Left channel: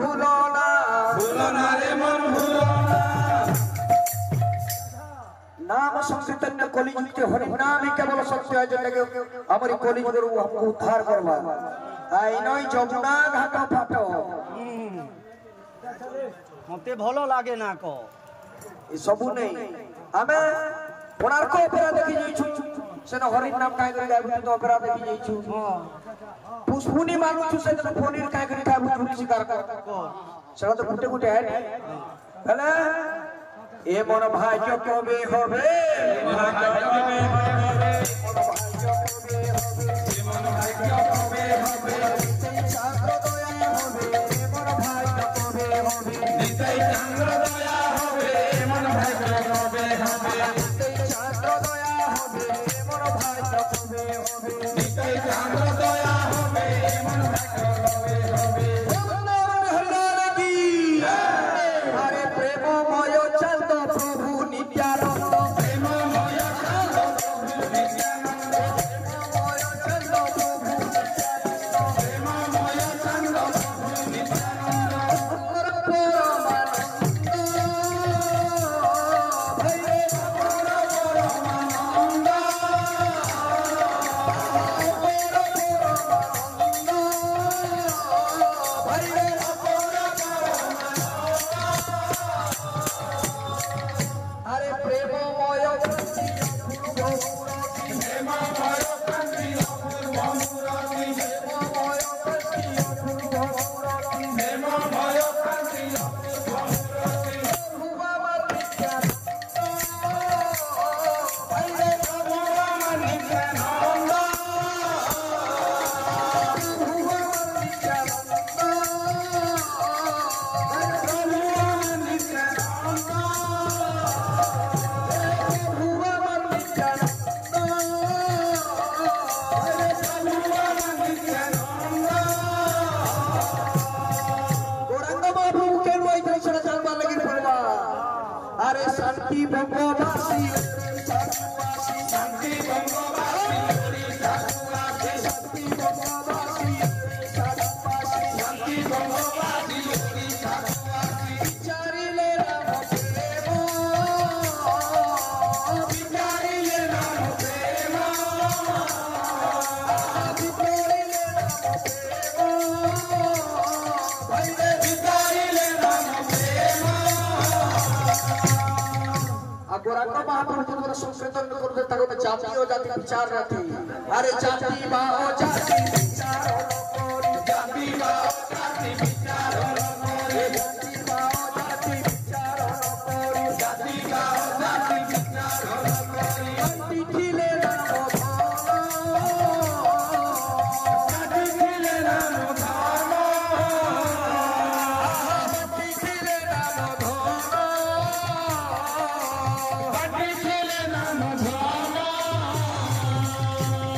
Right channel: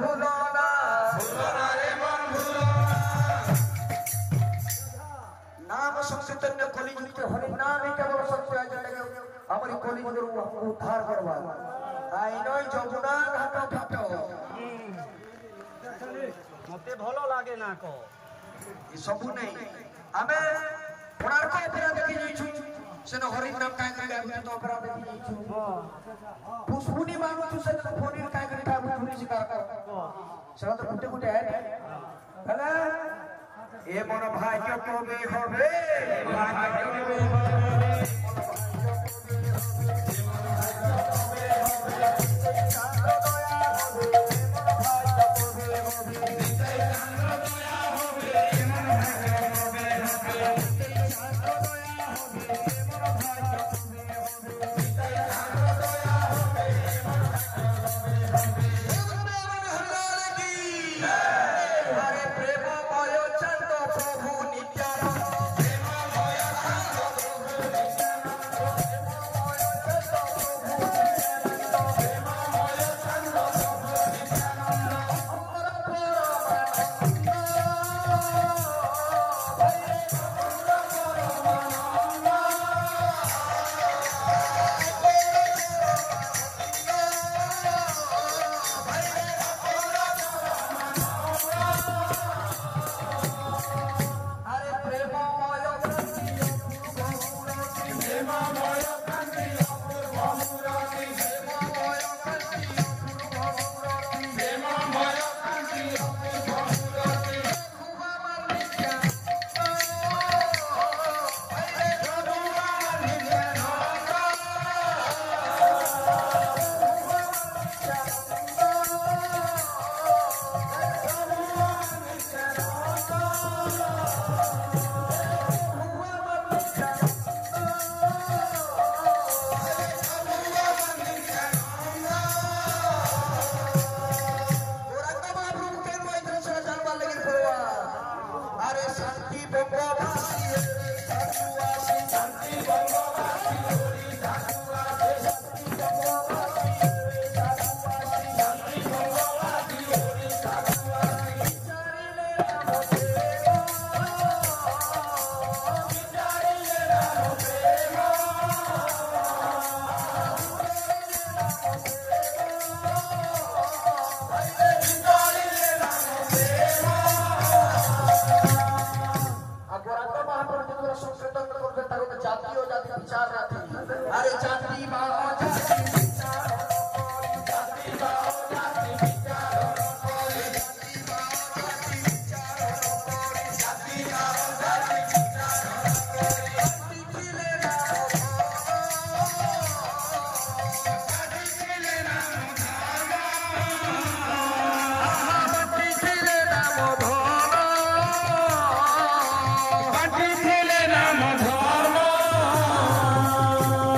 भूलो ना रे मन भूलो ना नाम संकीर्तन कलिजुग हरि नाम ही केवल सत्य है जने हमारी कलिजुग हमको उद्धार करवा आई नई जमुना घाट फाट मते भलो लागे ना को ई सबु नहीं हमें कोणार्क ओपेरा देखि जाइछु सेन हरि नाम काय करे गाबु तो ओपेरा देखि जाइछु पुष्पुनी मानु छु से तो पनीर काय करे गाबु चुरी शिकार कर सेन तो गुटे गुटे है हेले ए मोर भाग्य कबे होबे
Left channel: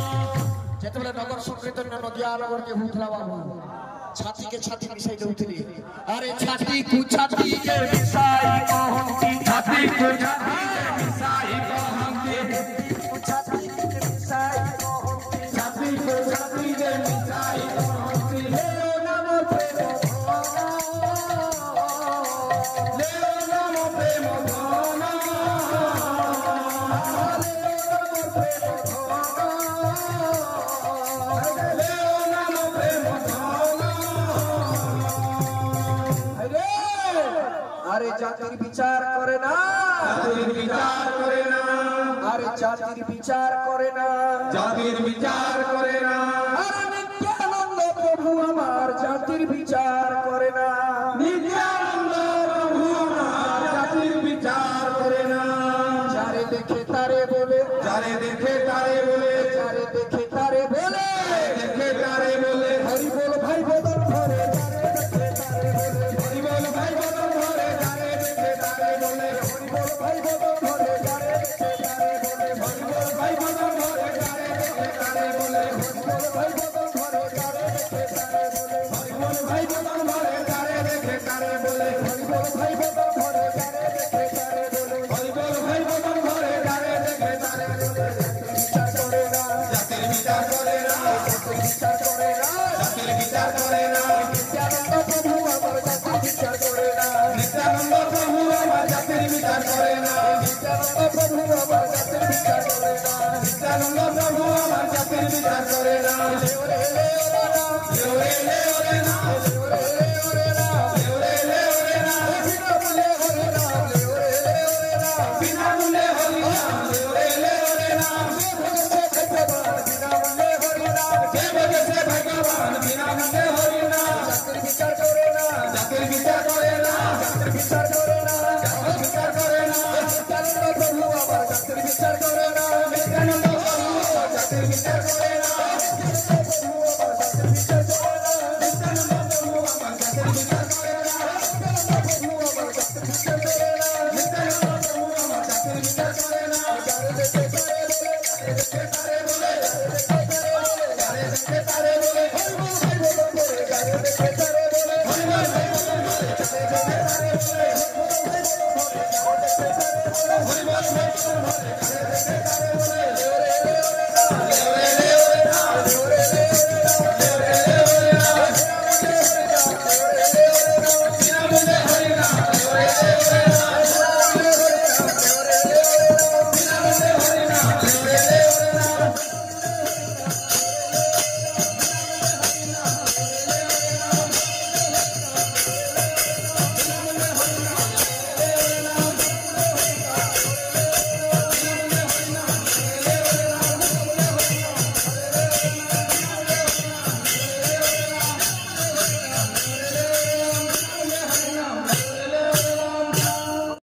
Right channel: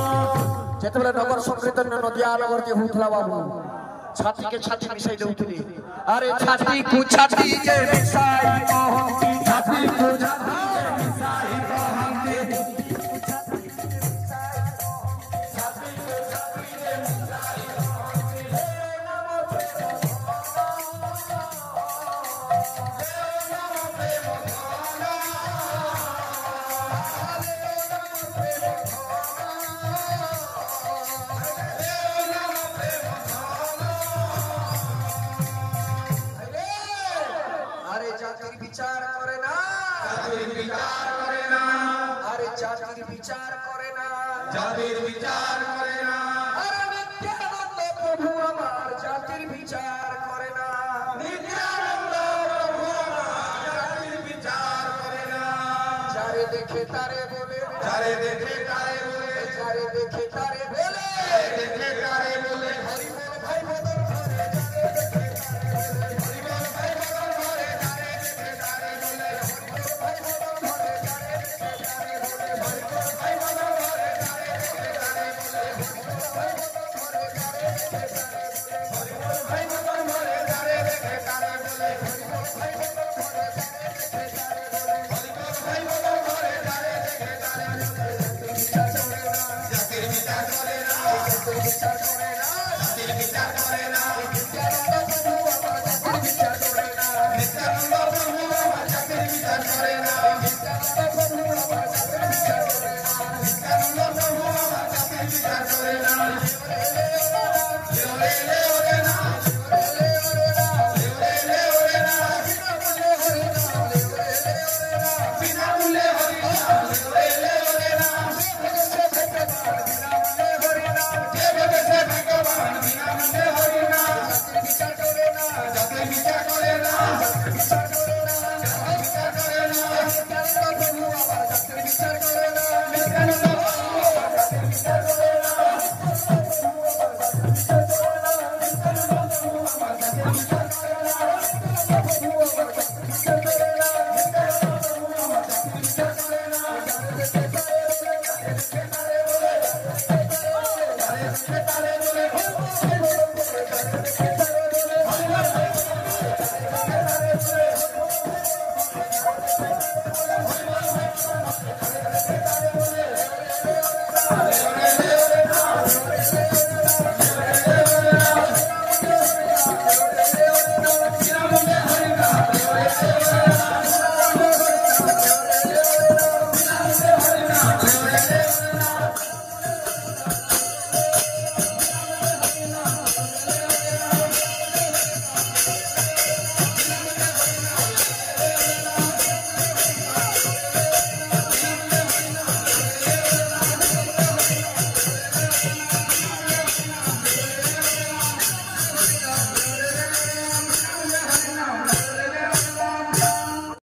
नगर संकीर्तन नदिया नगर होता बाबू छाती के छाती मिसाई देउथली अरे छाती को छाती जे मिसाई कहंती छाती को छाती जे मिसाई कहंती छाती को छाती को छाती जे मिसाई कहंती ले नाम प्रेम विचार करे ना अरे जातिर विचार करे ना जातिर विचार करे ना अरे नित्यानंद प्रभु हमार जातिर विचार करे ना नित्यानंद प्रभु हमार जातिर विचार करे ना जारे देखे तारे बोले जारे देखे तारे बोले जारे देखे तारे बोले देखे तारे बोले हरि बोल भाई बदन भरे हरि बोल भाई बदन भरे जारे देखे तारे बोले हरि बोल भाई बदन भरे जारे देखे तारे बोले हरि बोल भाई बदन भरे जारे देखे तारे बोले